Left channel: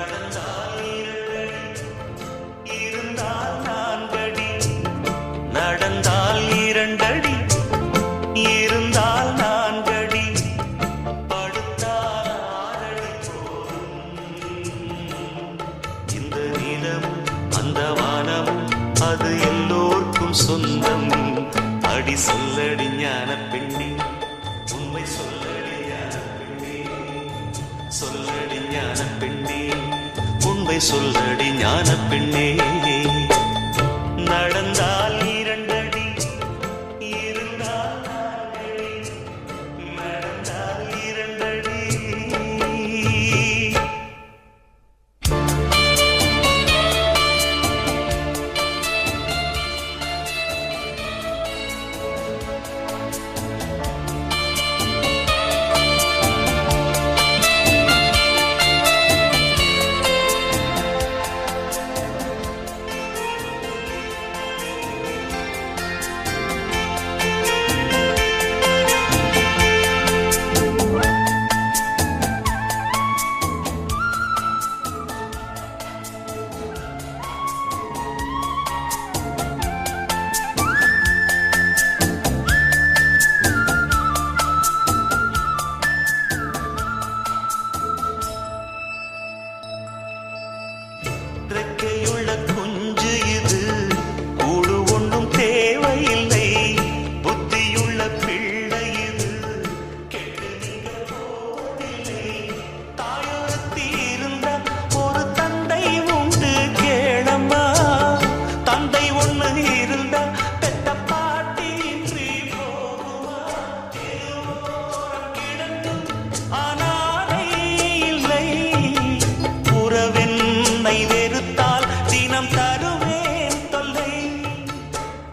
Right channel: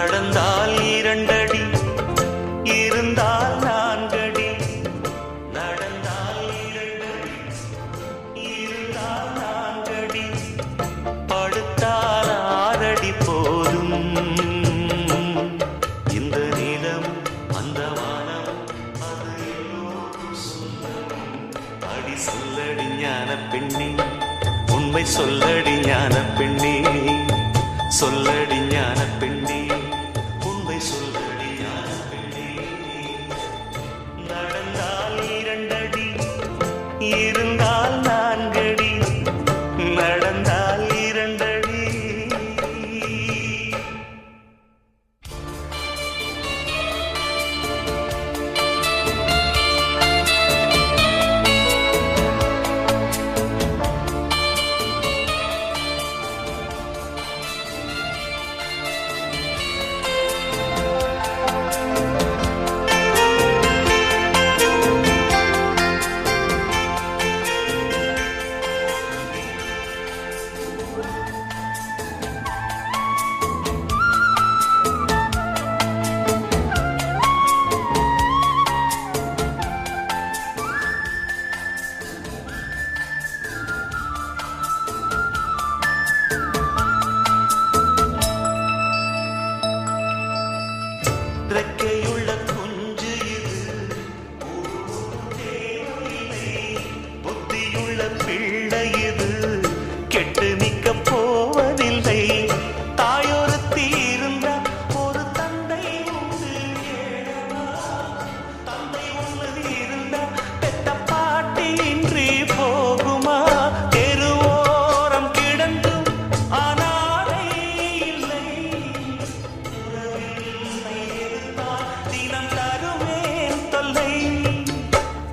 நடந்தால் 2 அடி, இருந்தால் 4 அடி. நடந்தால் 2 அடி, இருந்தால் 4 அடி. படுத்தால் 6 அடி போதும். இந்த நிலம் அந்த வானம் அது எல்லோர்க்கும் சொந்தம். அடி சொல்லடி ஞான பெண்ணே, உண்மை சொல்லடி ஞான பெண்ணே. சொல்லடி ஞான பெண்ணே, உண்மை சொல்லடி ஞான பெண்ணே. நடந்தால் 2 அடி, இருந்தால் 4 அடி. நடந்தால் 2 அடி. ரெக்கையுள்ள குஞ்சு இது, கூடு ஒன்றும் தேவையில்லை. புத்தியுள்ள பிள்ளை இது, கெட்டு நிற்க போவதில்லை. தாயொருத்தி இருந்தா ஒரு தந்தை உண்டு கேளம்மா. தந்தை ஒண்ணு இருந்தா பெத்த பாட்டி இன்றி போகுமா? தெருவோரம் கிடந்தும் ஆனாலே இல்லை. உறவென்னை வெறுத்தால் தினம் தருவேன் தொல்லை.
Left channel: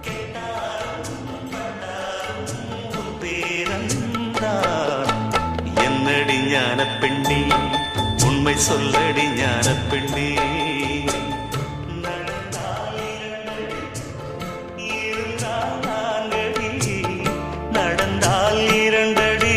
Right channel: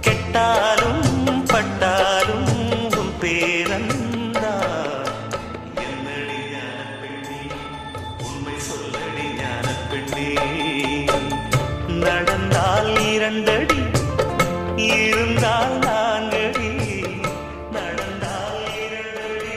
கெட்டாலும் பட்டாலும் உன் பேரன்தான். என்னடி ஞான பெண்ணே, உண்மை சொல்லடி ஞான பெண்ணே. நடந்தால் 2 அடி, இருந்தால் 4 அடி. நடந்தால் 2 அடி.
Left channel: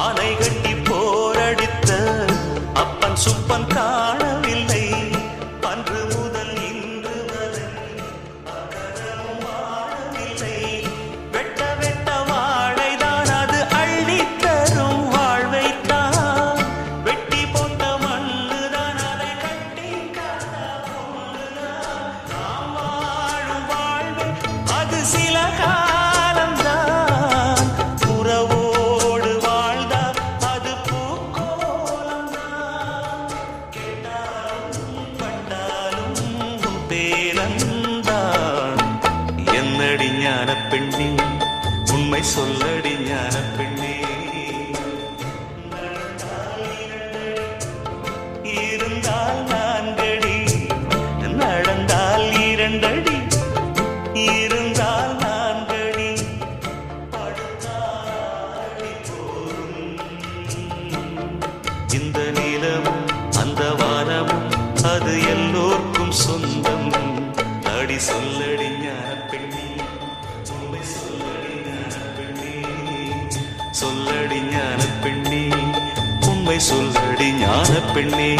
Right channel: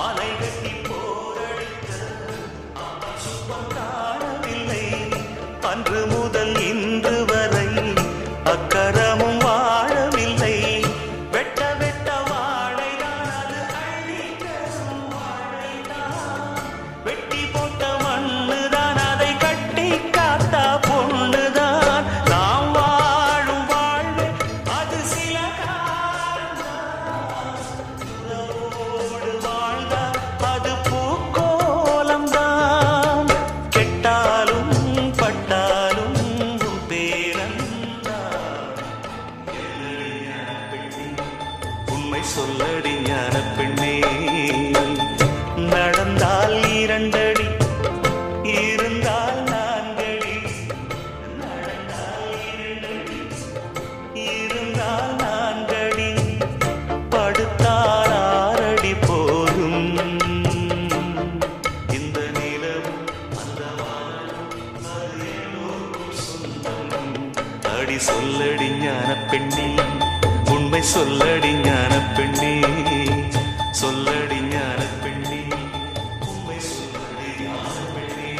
ஆனை கட்டி போரடித்த அப்பன் சுப்பன் காணவில்லை. அன்று முதல் இன்று வரை அக்கரமும் வாழவில்லை. வெட்ட வெட்ட வாழைதான் அது அள்ளித்தரும் வாழ்வைத்தான். வெட்டி போட்ட மண்ணுதான் அதை கட்டி காத்தா பொண்ணுதான். நாம் வாழும் வாழ்வே அது சில காலம்தான். உறவோ என்னடி ஞான பெண்ணே, உண்மை சொல்லடி ஞான பெண்ணே. நடந்தால் 2 அடி, இருந்தால் 4 அடி. நடந்தால் 2 அடி, இருந்தால் 4 அடி. படுத்தால் 6 அடி போதும். இந்த நிலமும் அந்த வானமும் அது எல்லோர்க்கும் சொந்தம். அடி சொல்லடி ஞான பெண்ணே, உண்மை சொல்லடி ஞான பெண்ணே. சொல்லடி ஞான பெண்ணே, உண்மை சொல்லடி ஞான பெண்ணே.